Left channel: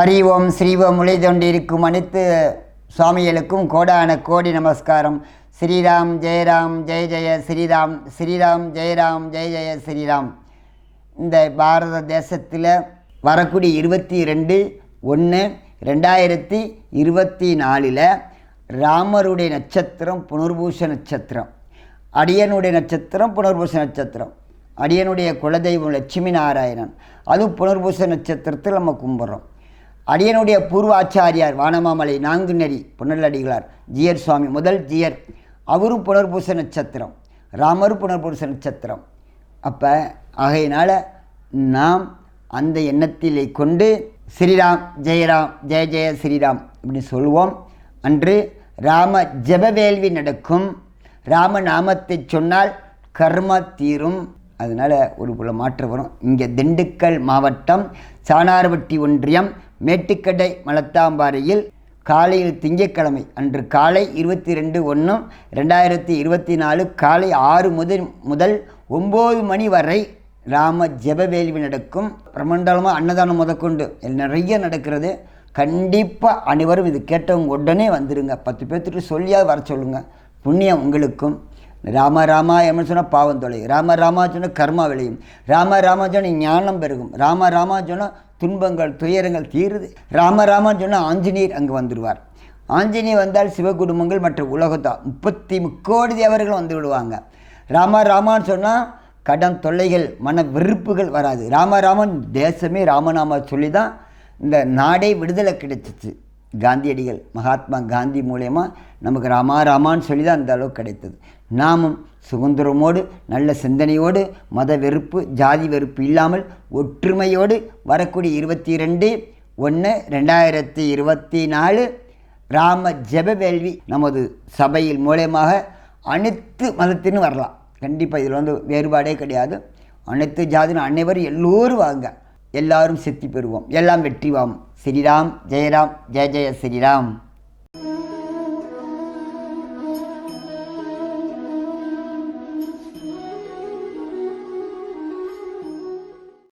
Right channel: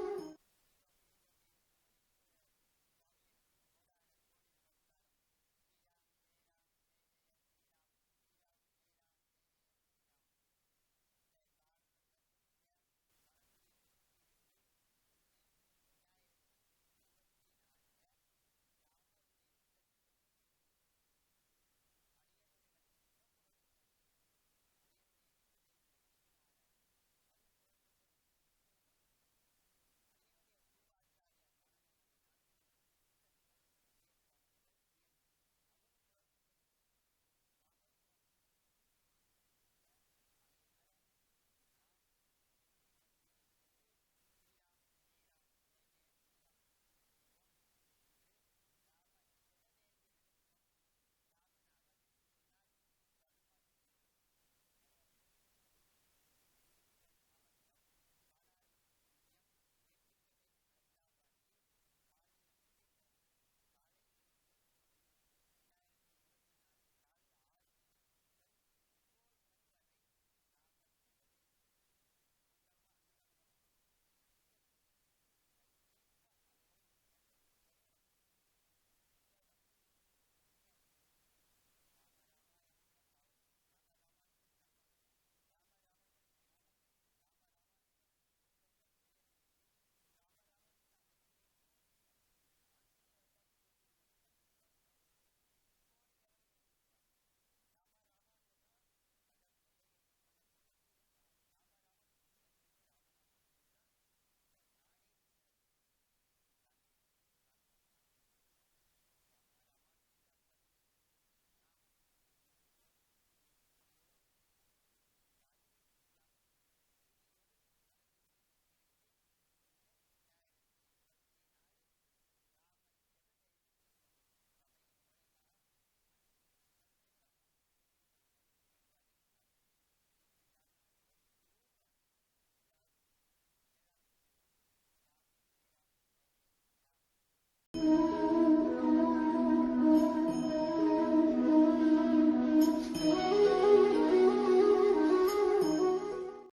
அறிவோம் ஸ்ரீவம் முளை தொண்டிருக்கும் அனைத்து சுவாமிகளுக்கும் கோடான கோடி நமஸ்காரம். ஸ்ரீராம் ஜெயராம் ஜெய ஜெய ஸ்ரீராம் ஸ்ரீராம் ஜெயராம் ஜெய ஜெய ஸ்ரீராம். இந்த பாரத தேசத்தில் வரக்கூடிய இருபத்தி ரெண்டு ஒன்று ரெண்டாயிரத்தி இருபத்தி நாலில் ராமருடைய நட்சத்திரம் புனர்பூச நட்சத்திரம். அடியனுடைய நட்சத்திரம் புனர்பூச நட்சத்திரம். அடியனுடைய குலதெய்வம் லட்சுமி நாராயணன். அதுவும் புனர்பூச நட்சத்திரத்தில் நம்ம கும்பிட்றோம். அடியனுடைய பூர்வாச்சாரியார் வானமாமலை நாங்குநெறி புனலடிகளார். ஜியர் சுவாமி முதல் ஜியர். அவரும் புனர்பூச நட்சத்திரம். ராமர் புனர்பூச நட்சத்திரம். அப்போ ஆகையினால் நாம் அந்த எண்ணத்திலே கொண்டு ஸ்ரீராம் ஜெயராம் ஜெய ஜெய ஸ்ரீராம் இப்படி சொல்லுவோம் அன்று ராம ஜபவேள்வி நடக்கும். ராம நாமத்தை சொன்னால் கர்ம தீரும். அதனால் ஒரு புல மாற்றம் வரும். இங்கே திண்டுக்கல் மாவட்டம் சாணார்பட்டி ஒன்றியம் மேட்டுக்கடை மலத்தாம்பாறையில் காலையில் திங்கட்கிழமை அன்று காலை இருபத்தி ரெண்டு ஒன்று ரெண்டாயிரத்தி இருபத்தி நாலு காலை ஆறு முதல் முதல் ஒம்பது மணி வரை ராம ஜெபவேள்வி நடக்கும். பிரமண்டலமாக அன்னதானம் முதற்கொண்டு நிறைய நடக்கிறது. கண்டிப்பாக அனைவரும் இது கேட்டவங்க உடனே வந்துடுங்க பத்து பேர்த்துட்டு சொல்லியாவது வர சொல்லுங்கள் புண்ணியம் உங்களுக்கும். ராம ராமா என்ன சொன்னால் பாவம் தொலை. ராம ராமா சொன்னால் கர்மா விளையும். ராம ராமா சொன்னால் ஞானம் பெருகும். ராம ராமா சொன்னால் துன்பங்கள் துயரங்கள் தீருது. ராமராமன் சொன்னால் ஆஞ்சநேயர் அங்கே வந்துடுவார். ஆஞ்சநேயர் வந்தால் சிவகுடும்பங்கள் மற்ற உலகத்தான் முப்பத்தி முக்கோடி தேவர்கள் வந்து விடுவாங்க. ராம ராமான்னு சொன்னால் கடன் தொல்லைகள் மன வெறுப்புகள் வராது. ராமராமன் தேசமே ராமநாம சொல்லி தான் இந்த நாடே விடுதலை கிடைச்சிச்சு. காந்தியடிகள் மகாத்மா காந்தி மூலயமா நமக்கு ராமா ராமான்னு சொல்லி தான் அந்த அளவுக்கு கிடைத்தது. நாமும் சுதந்திரமோடு நல்ல சிந்தனையோடு மத வெறுப்பு ஜாதி வெறுப்பு இல்லாமல் ஒற்றுமையோடு வரக்கூடிய இருபத்தி ரெண்டு ஒன்று ரெண்டாயிரத்தி இருபத்தி நாலு ராம ஜெபவேள்வி நமது சபையில் மூலயமாக அனைத்து மதத்தின்னு வரலாம். கண்டிப்பாக இதில் வந்து வேறுபாடே கிடையாது. அனைத்து ஜாதின அனைவரும் எல்லோரும் வாங்க. எல்லாரும் சித்தி பெறுவோம். எல்லாம் வெற்றி வாம். ஸ்ரீராம் ஜெயராம் ஜெய ஜெய ஸ்ரீராம்